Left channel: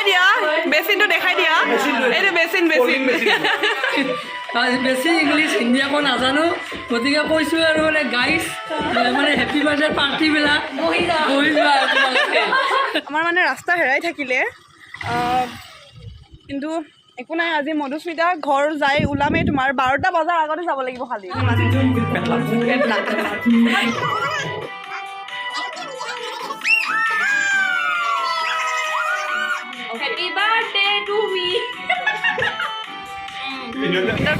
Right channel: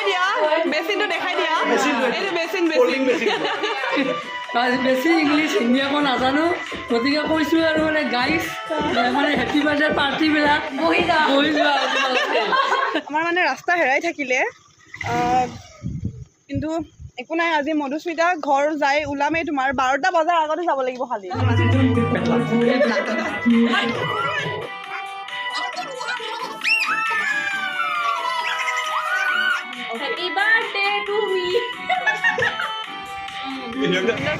দেখাই দিয়া বেচিনটো দেখাই দিয়া এইটো বেচিন বেছি ইংলিছ হিন্দী আকৌ নাজানো গতিকে কৈছোঁ আৰু মানে গাইজ মানে হেপী বাৰ্থডে পাৰ্টিবিলাক বহি যোৱা আমাৰ মানে ৰাস্তা হেৰাই থাকিলে কিন্তু একো নাই আজি মধুস্মিতা ঘৰ যাই ওলামেই তোমাৰ 12টা বজাৰ আগতে যাব লাগিব খালি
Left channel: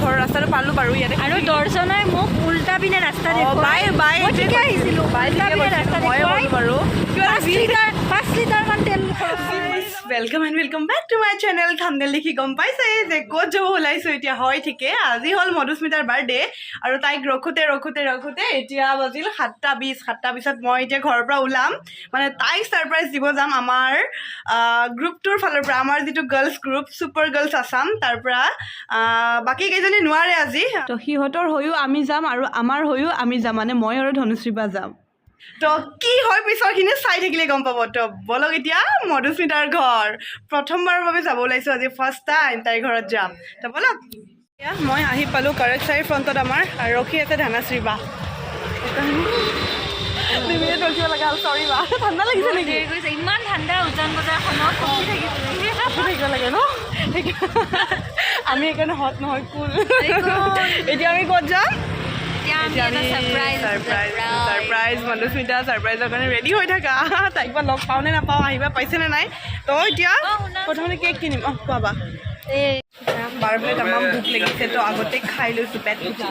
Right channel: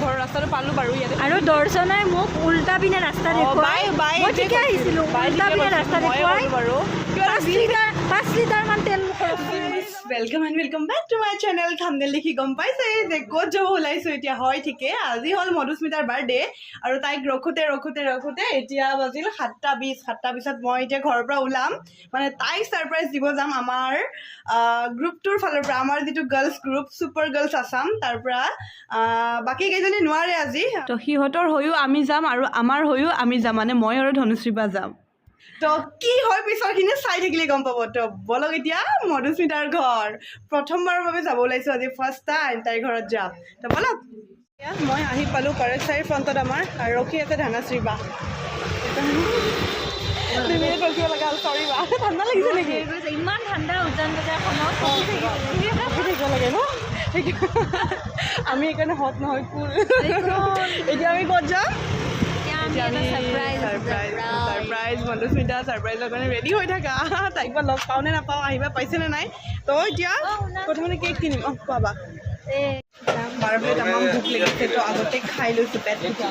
ঘৰৰ ৰাস্তাটো পালো বাৰু ইয়াতে আৰু দৰ্শনাই মোক উল্টা পিনে ৰাস্তা বাই আহিছিলোঁ ময়ে ক'লো বাৰু 5 লিটাৰমান তেল welcome and welcome back to my channel thumbnail देखि गम पाइছে যে ক'ত যাব ওলাইছো এতিয়া হয় ঠিকে আজি হল মধুস্মিতাৰ বাৰ্থডে আৰু তাইক ৰখোতে এতিয়া বাজিল 7:20 মই এতিয়া ঘৰৰ পৰা ওলাম মানে তাইক সাৰপ্ৰাইজ দিব যাম আমাৰ গ্ৰুপটোৰ ফালৰ পৰা আমাৰ যেটো girls group super girls Assam তাৰ পৰা বাকি কেইজনী নোৱাৰে আজি তো হিহঁতৰ হৈও আমি যাম আৰু আমাৰ হৈও আমি যাম মানে মই আৰু ধনুশ্ৰীবা যাম তো কি হয় পিছৰখিনি চাই থাকিলে গম পাব তো বলক এতিয়া মধুস্মিতাৰ ঘৰ প্ৰথমবাৰৰ বাবে যাব ওলাইছোঁ আজি ফাৰ্ষ্ট টাইম তাইৰ ঘৰত যাম তো বলক মই আহি পালোঁ কাৰেক্ট চাইৰ ফ্ৰণ্টত আমাৰ আৰু ৰখি আছে ধনাশ্ৰী বা ৰখিব লগা হ'ল চৰি বা ঠাণ্ডা লাগিছে নেকি ইমান ঠাণ্ডা উজান বজাৰখনত ৰখি থাকিব লাগে ন আমি সেইকাৰণে হট নহয় কুল এতিয়া আমি ক'ত যাম সাৰপ্ৰাইজ মধুস্মিতা সাৰপ্ৰাইজৰ কাৰণে ৰেডি হৈ থাকা তাইক বা লগ পাওঁ নে নাপাওঁ আহিবা পাইছেনে নাই তো এতিয়া প্ৰথমতে কেক কিনিম পাবা বাৰ প্লেট আমাৰ ভোক লাগিছে তো আগতে খাই লৈছোঁ পেট পূজা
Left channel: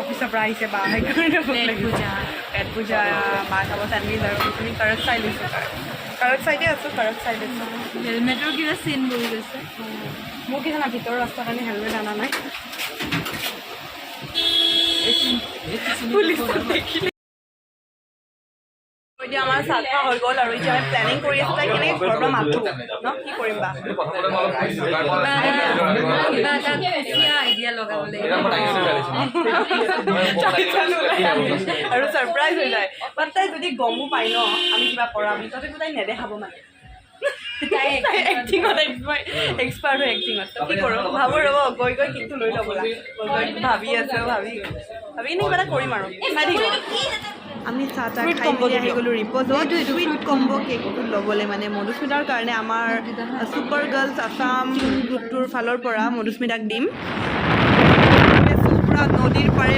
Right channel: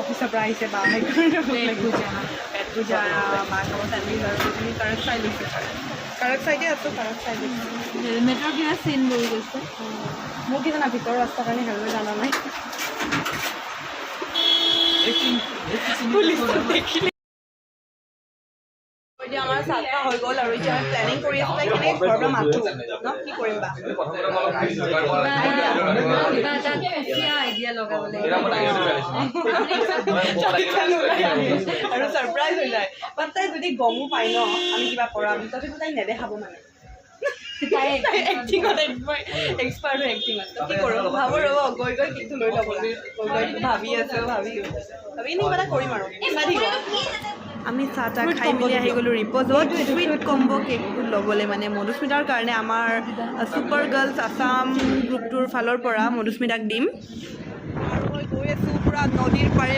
অফিচৰ পৰা আহিছে বা সেইকাৰণে ভোক লাগিছে পেট পূজা মা খাব চেণ্ডউইচ আৰু তুমি কাৰেক্ট চাই লৈছোঁ কাৰেক্ট চাইডে আছোঁ কাৰেক্ট চাই লৈছোঁ হেলমেটৰ কিবা চিন বহি গৈছে মোৰ কি জানা ভিতৰৰ ৰাস্তাৰ কাৰণে হেলমেট অনা নাই এতিয়া আমাৰ চাফা হৈ গ'ল আৰু এতিয়া আমি প্লেনিং কৰি আছোঁ তাই কেনেকৈ ঘৰৰ পৰা মাতোঁ ন কি কৰিম বা আইডিয়া লগাব লাগিব আৰু ছাৰপ্ৰাইজ হৈ যায় বাট তাই যদি গমো পায় ন আমি কিবা কৰাম তথাপিও তাই নেদেখাব মানে এক্টিঙত এক্সপাৰ্ট হয় এক্টিঙত তো কি কৰোঁ ভাবোঁ ৰ'ব গৈ কিন্তু লৈ ল'ব লাগে গৈ ভাবি আছোঁ ভাবি কিনে কিবা এটা কৰিম আৰু চাই থাকিব আমি চাহ তাহ খাই মেলি আহি গ'লোঁ ৰিপ'জত চুইট কম্ব' কেকটো ল'বলৈ মানে মধুস্মিতাৰ কাৰণে আমাৰ ছুপাৰ গাৰ্লছ আসাম গ্ৰুপটোৰ ফালৰ পৰা মধুস্মিতাক দিম পূৰা নদীৰ পাৰে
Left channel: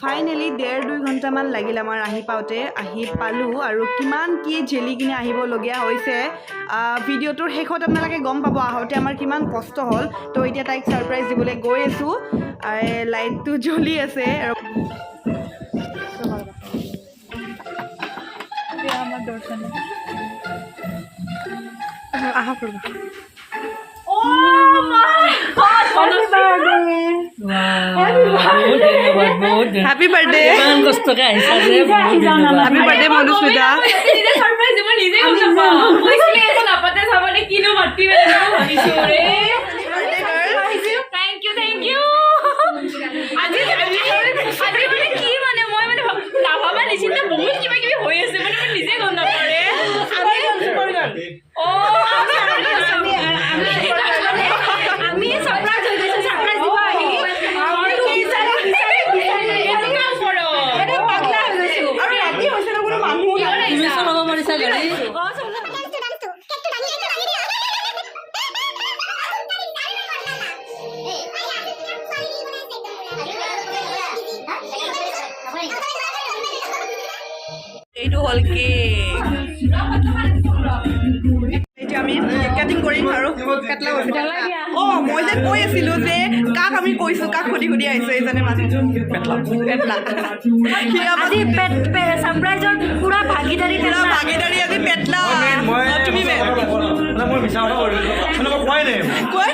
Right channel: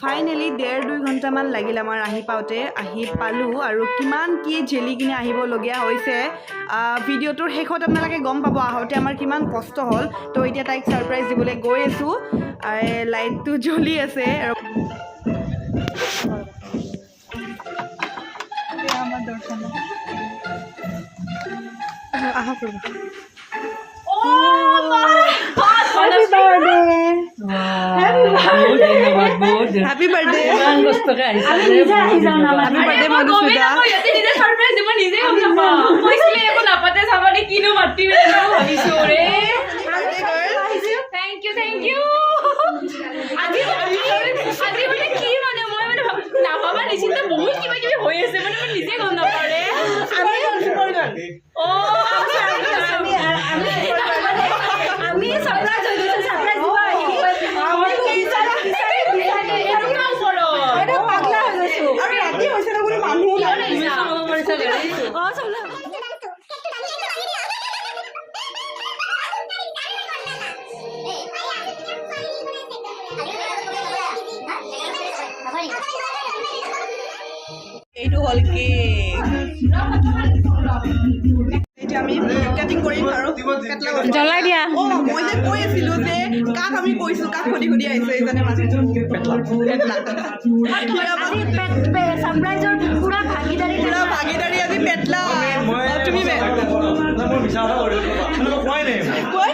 ফাইনেলি 1.5-2 ঘণ্টামান লাগিল আমাৰ আহি পালোঁ আৰু কিমান কি জেলি কিনে আহিবলগীয়া হৈছে ভিডিঅ'টোৰ শেষত আপোনালোকে গম পাব আহোঁতে আমাৰ কিমান কষ্ট হ'ল তো এতিয়া তাইক ছাৰপ্ৰাইজ দিবলৈ গৈ আছোঁ লাইটটো জ্বলি আছে Happy birthday মধুস্মিতা এইটো হল কেক এতিয়া আমি কেক কাটিং কৰিম আৰু জ্বলাই দিয়া মই যে কৈ আছিলো যে কাক আমি কৈছো কাক সুধি সুধি আহিছো এইজনে মানুহটো পেটলা আজি সাৰপ্ৰাইজৰ পুৰা ভাগিদাৰী পুৰা ভাগিদাৰী আজি পেটলা তুমি মই মিছা কথা কৈ দিলোঁ মানে মই কোৱাই নাই কৈ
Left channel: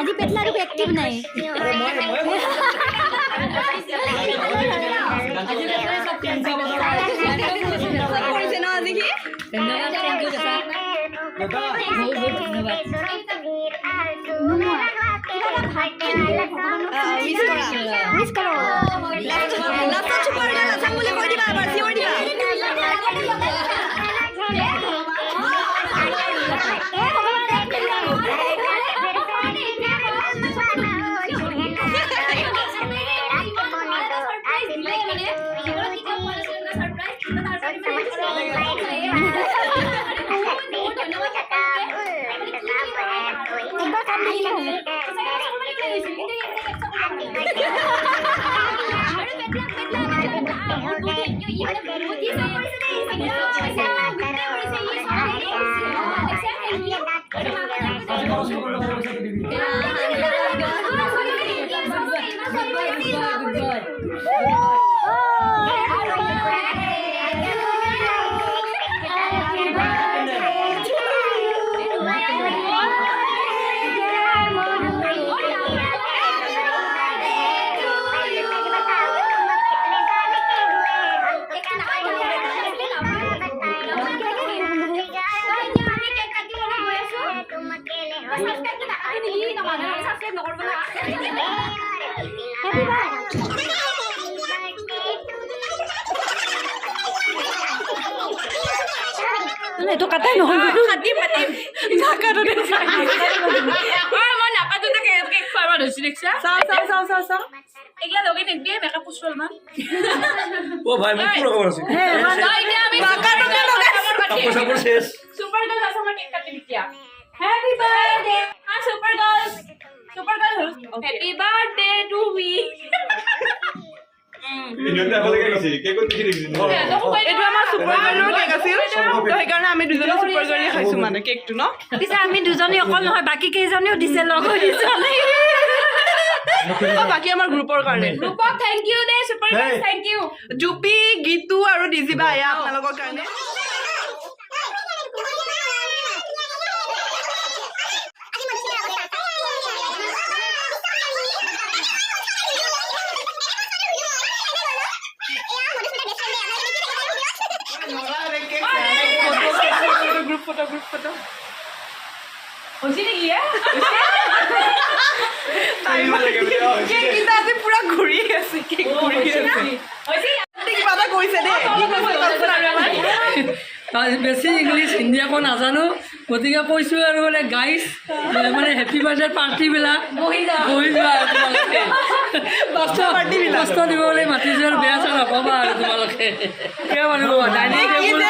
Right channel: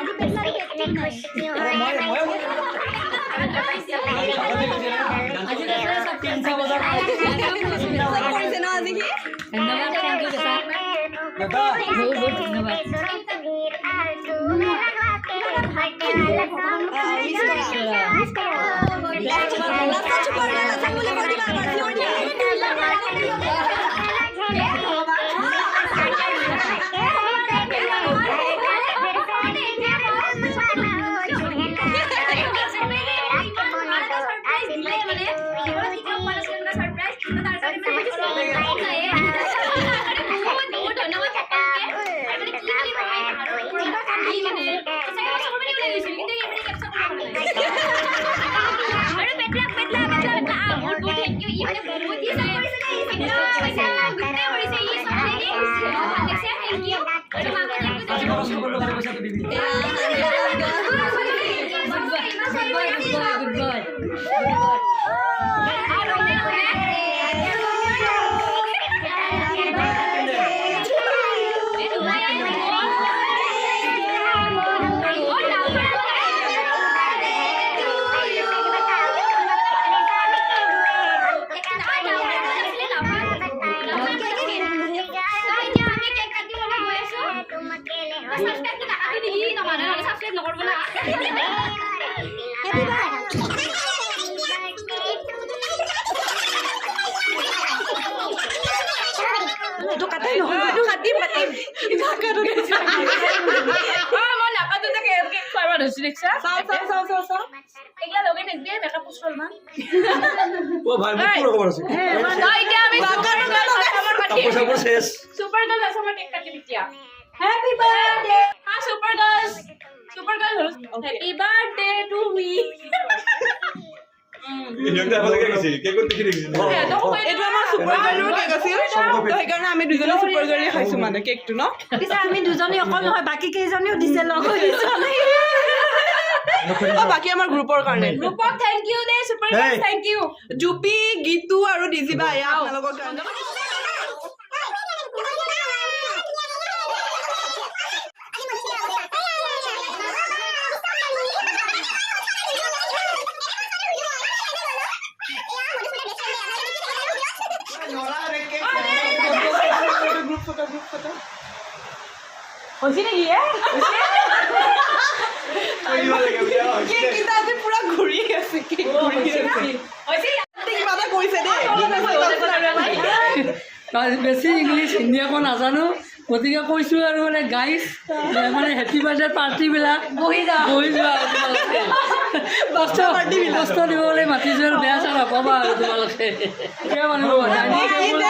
আজি পেটলাটো পেটলা নাই কৰিছে ন আজি সি এইটো কাটাই নহয় অ ভাই মোক পুরো খবর আছে কাপড় সাপড় শেষ সুপার গার্ল আছে আমার কেক কাটি দিয়া হ্যাপি বার্থডে হ্যাঁ super girl happy birthday to me ইনতে ভালে গেছে কেক কোন দেখি দেখি এইটো আমাৰ সুপাৰ গাৰ্লৰ কেক আছিল তো সেইকাৰণে আমি দুজনে সুপাৰ গাৰ্লে খাইছো মানে কেকটো ন পিছে আমি দুজনী অকল নহয় বাকি কেইজনীও দিছে লগ হৈ দিছে বাকী আমাৰ গ্ৰুপৰ কাৰণে গ্ৰুপক থ্যাংক ইউ দে সুপাৰ গাৰ্ল থ্যাংক ইউ জুপি গীতু আৰু ডিজিবা এয়া আপোনালোকৰ কাৰণে গ্ৰুপ ফটো হৈছে নেকি কেকটা আজি পুৰা ঘূৰি আছে কেক ঘূৰি আছে কিবা এটা কৰিছে দেই কি কৈছে কওকচোন আৰু এবাৰ বেছি ইংলিছ হিন্দী একো নাজানো গতিকে কৈছোঁ আৰু মানে গাইজ মানে হেপী বাৰ্থডে পাৰ্টিবিলাক বহি যোৱা তোমালোকে কষ্ট দিবলৈ মাতিছোঁ আৰু বেয়া চেয়া নক'বা আৰু তোমালোকে কিয় মানিব ডাইনিং টেবুল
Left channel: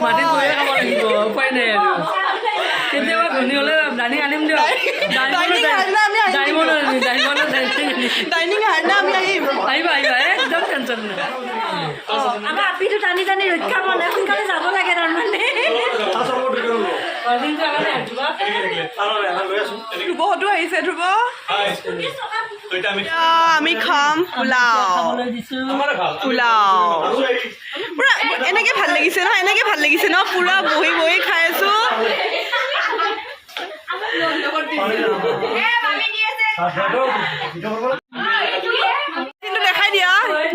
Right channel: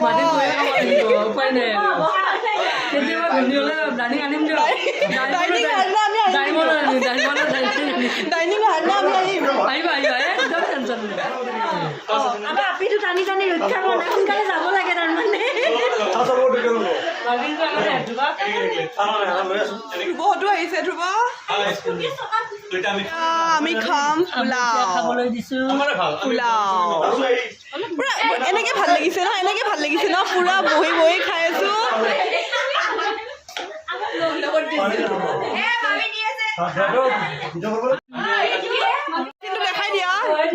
মাতি গৈয়ে খাব লাগিব উপায় নাই আৰু কেতিয়াবা ধনী হ'লে ডাইনিং আনিম দিয়ক ডাইনিং হাৰনা আমি আহিম আহিবা একদম টেনশ্যন নাই আমাৰ আপিটো টানি টানি ৰক্ষা কৰা নাই সোনকালে যাব লাগে তাৰমানে ধ্ৰুৱহঁতো আহিছে ধ্ৰুৱ আমি খাম পোলাও পুৰা এনেকে ভাল লাগিছে ন পুৰা বহি বহি খাই আছো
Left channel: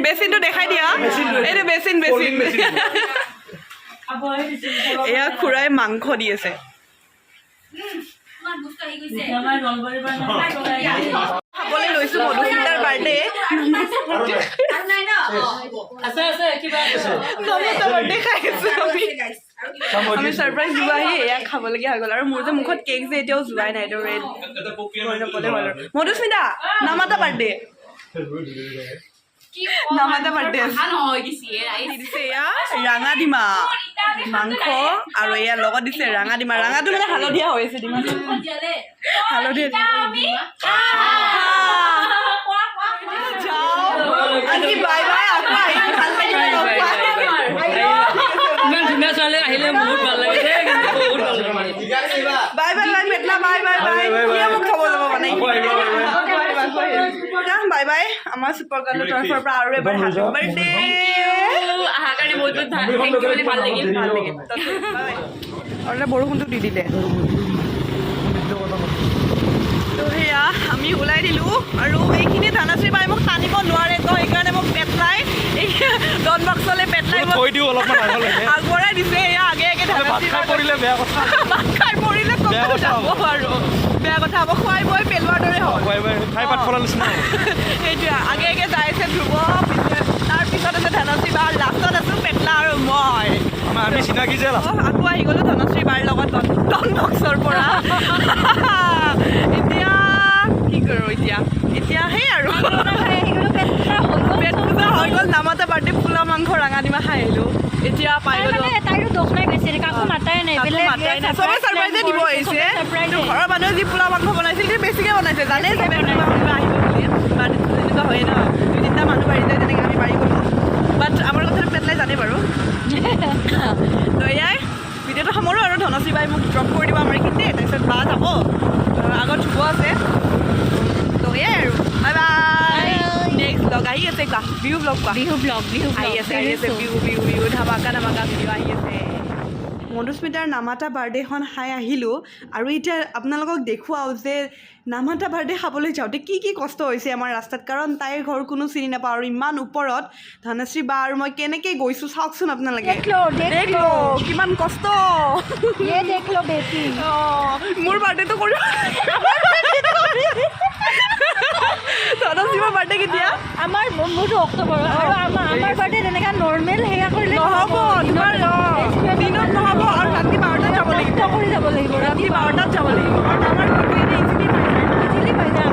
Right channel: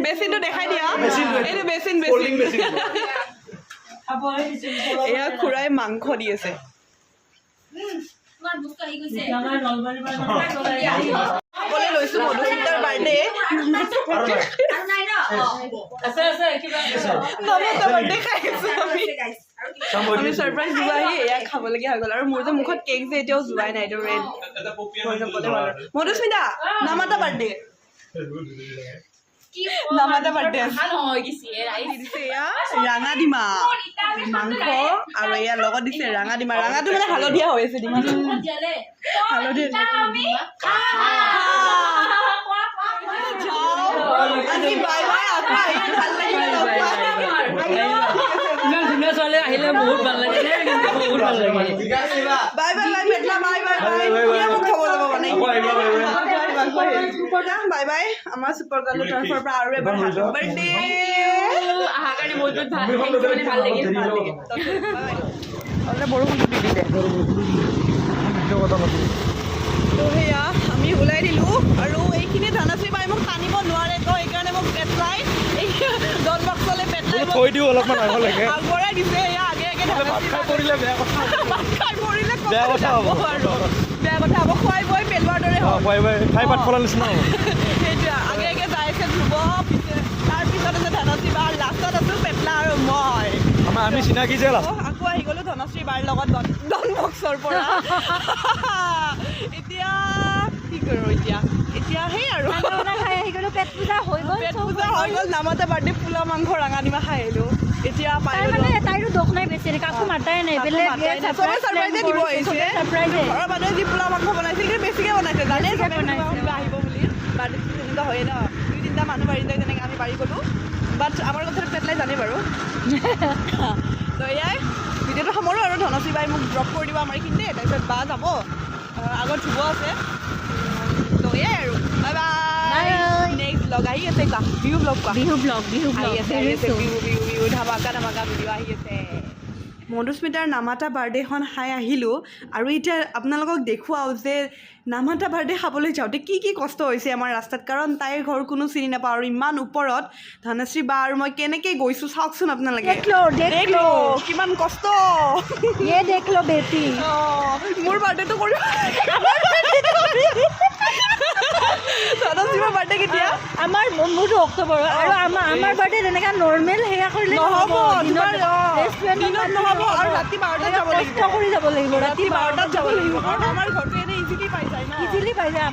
বেচিনটো দেখাই দিয়া এইটো বেচিন এয়া খুৰাই মাংস দি আছে খাবলৈ লৈছো মধুস্মিতাৰ বাৰ্থডে নমতা বাৰ্থডে খাই আছো আমি সাৰপ্ৰাইজ দিব আহি এয়া খাবলগীয়া হৈ গ'ল আৰু মোৰ যে মুখত কেক যে এতিয়াও যোৱাই নাই এইটো ৰেড কৰি নক'লে হ'ল আৰু মধুস্মিতা নমতা বাৰ্থডে নামাতা birthday আছে। নহয় কিছু দিছে এয়া ৰাঙা ডিমা মাংস আৰু এয়া লগত দিছে ৰাঙা ডিমা ৰাঙাটো মানে হালধীয়া হৈ আছে ডিমাটো হালধীয়া আজি বাই বাই আকৌ আহিলে ভাল লাগিব লগ পাই ইমান ধুনীয়া ছোৱালী আহিলে বহুত ভাল লাগে দেই, বহুত ভাল লাগে। Bye bye bye Petla bye bye bye কিয় মোক খাব যাব মানে বাই বাই আমাৰ ছুপাৰ গাৰ্লৰ তৰফৰ পৰা আৰু এবাৰ হেপী বাৰ্থডে অহাৰ কাৰণে বহুত বহুত থেংক ইউ মানে ভাল লাগিল বাই বাই আৰু বৰষুণটো দি দিলে তো সেয়া আমি ওলাই দিলোঁ আৰু এইখিনি ধানাশ্ৰী বাই মোক টানিব নোৱাৰে তো সেইকাৰণে মোক পেটলাই এই ডন বক্সলৈ পেটলাই থৈ দিওঁ অলপমান আগবঢ়াই দিছে এয়া আগে আগে ভাত খাই পৰিলে বেয়া কথা ভাত খাই পৰিলে বেয়া কথা হ'ব। আৰু বেয়া কথা হ'ব খুৱাই বৈ পেলোৱাৰ দৰে হ'ল খাই পাত ফলাৰ নিচিনা সেইটোৱে আগে আগে যাই আছে ধ্ৰুৱ তাৰপিছত আছে ধনশ্ৰী বা লাষ্টত আছোঁ পেটলা আৰু মই আমি চিনাকি যে আকৌ আহি গ'লোঁ ধনশ্ৰী বাৰ লগত ডন বক্সৰ পৰা এতিয়া কি কৰোঁ এতিয়া সেই আৰু পেট পূজা হৈ গ'ল নামাতা বাৰ্থডে পোলাও মাংস ৰাঙা ডিমা খাই আহিলোঁ এতিয়া পাই গ'লোঁ তাইৰো দুখ নাই গৈছে কাকো মাতাই নাই চবে ছাৰপ্ৰাইজে দিব আহিছে কিন্তু ঘৰৰ মানুহে যি পোলাও মাংস বনাইছিল সেইটো বেছিকৈ বনাইছে জানে চবে কিবা আহিব বুলি বাৰ্থডেটো তেনেকুৱা হয়েই ন 2-3টা মানুহ বাঢ়ি যায় তেনেকৈ আমি বাঢ়ি গ'লোঁ বাট আমাৰ কথাটো পেটলাই জানে বাৰু তো এয়াই ভিডিঅ'টো সামৰোঁ আৰু ধনশ্ৰী বাই মোক ড্ৰপ কৰি দিব আমাৰ এইখিনিতে তাৰপিছত বা যাব আগত ধুব আছে তো এয়াই আৰু বাই বাই নেক্সট ব্লগ আহি আছে কোৱা বিহু ব্লগ কোৱা বিহু ব্লগ আহি আছে বিহু ধামাকা ভিডিঅ' আহি আছে মধুস্মিতাৰ নামাতা বাৰ্থডেখন খাই আহিলোঁ আৰু এতিয়া আপোনালোকক দেখুৱাওঁ যে নামাতা বাৰ্থডে খাবলৈ যাওঁতে কি কি কষ্ট হৈছে আমাৰ ৰাস্তাত কাৰণ তাইৰ ঘৰ কোনো চিনি নাপাওঁ আৰু ইমান ওপৰত ধনশ্ৰী বা আৰু মই কেনেকৈ গৈছোঁ চাওকচোন আপোনালোকে দেখলো কিমান কষ্ট মোৰ বাৰ্থডেটো কৰিব ধনশ্ৰীৰ বাৰ্থডে কেতিয়া আমাৰ মোৰটো অক্টোবৰ আৰু আমাৰ বাৰ্থডে তেনেকৈ নৰ্মেল সেয়া কৰিলে নহ'ব তোমাৰ দিনত নহ'ব আৰু ৰাতি 12টাত যাব লাগিব কৰি যাব লাগিব ৰাতি 12টাত যাব লাগিব কাৰণ আমাৰ ঘৰটো এনেই ইজিলি পাই যায় ন ইজিলি পাই যায়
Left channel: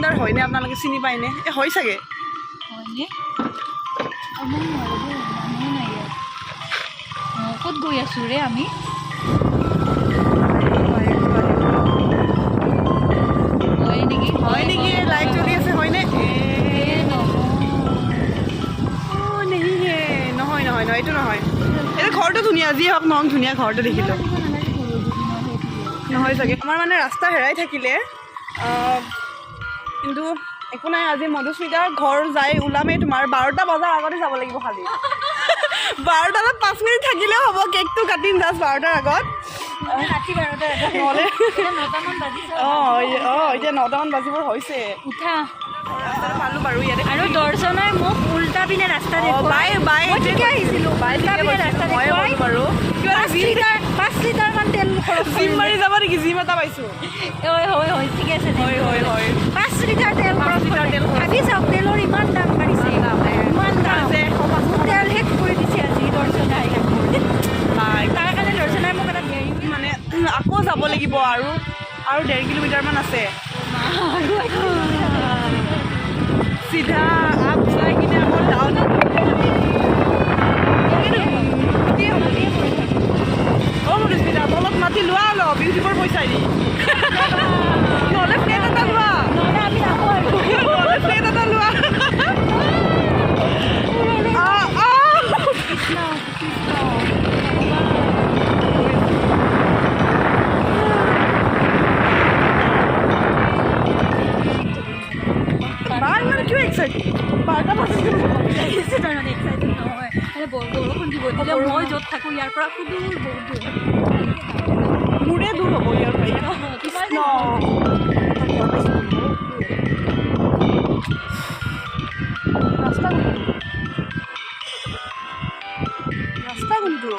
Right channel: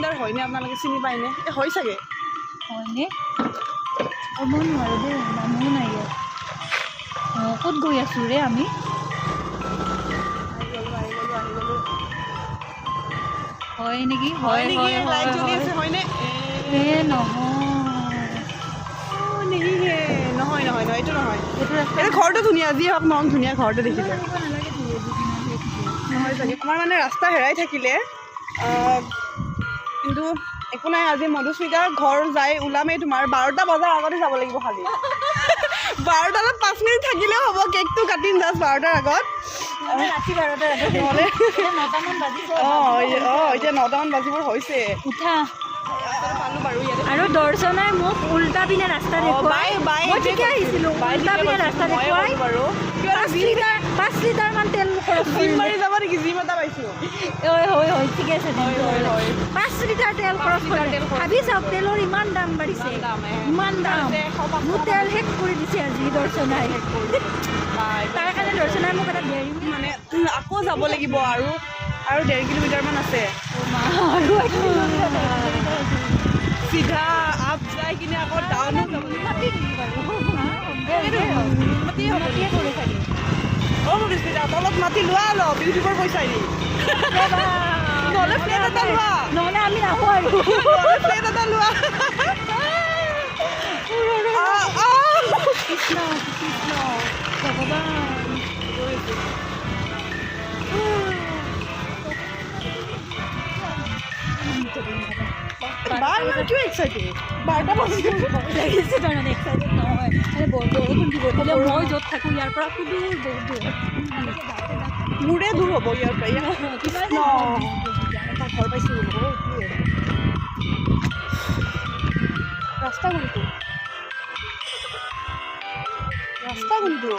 আমি হয়নে আপোনালোকে চিনি পায়নে এই হয় চাগে ক'ত গৈ আছোঁ ৰে আমি হয় নেকি লাইভ চলি আছে হয়নে নহয় এইটো নহয় এইটো ঘৰটো ধুনীয়া যি হওক নহওক ধুনীয়া ঘৰটো দেখিলোঁ নহয় চাগে আমাৰ মানে ৰাস্তা হেৰাই থাকিলে কিন্তু একো নাই আজি মধুস্মিতাৰ ঘৰ যাই ওলামেই তোমাৰ 12টা বজাৰ আগতে যাব লাগিব খালি 12টালৈ 5 মিনিট থাকিলেও হ'ব কেকটো কাটিম জাষ্ট 12টাৰ আগত ৰাতি 12টা নহ'লে 9টামান বাজিছে এতিয়া 9টামান বাজিবৰ হৈছে উঠা পালোঁ বাৰু ইয়াতে আৰু দৰ্শনাই মোক উল্টা পিনে ৰাস্তা বাই আহিছিলোঁ ময়ে ক'লোঁ বাৰু কিবা এটা 5 লিটাৰমান তেল খৰচ জিম মাৰি যাব নেকি জিম এটা পাইছোঁ হয় ঠিকে আছে হয় 5 লিটাৰ তেল খৰচ ভাবি চাওক তেলৰ ইমান দাম বাঢ়িছে ইমান দাম মোৰ তেল শেষ কৰি দিছে আজি দৰ্শনাই তাৰ কাৰণে দৰ্শনাই মোক এটা দেৰি মানে আকৌ যাব লাগিব আৰু 1.5 কিলোমিটাৰমান আছে চিধা আপ যাই কিনে আকৌ ডাউনত মধুস্মিতা তলত মাতি লোৱা অলপ ইউটিউবৰ পইচা দি নহ'লে প্লেট এটা লোৱা প্লেট এটা লোৱা কিয় এক্সাইটেড 12টা বাজিছে বৰষুণ দিব এতিয়া মই য'ত থাকোঁ ইয়াৰ পৰা সুদূৰ বহুত দূৰ মোৰে দূৰ হ'ব ইয়াৰ পৰা কৃষ্ণ ৰাস্তা কোনটো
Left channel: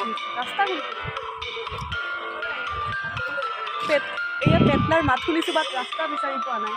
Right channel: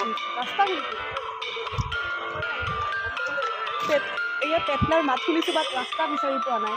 এয়া পেটলাৰ মাত শুনিছোঁ বাট ৰাস্তা বিচাৰি পোৱা নাই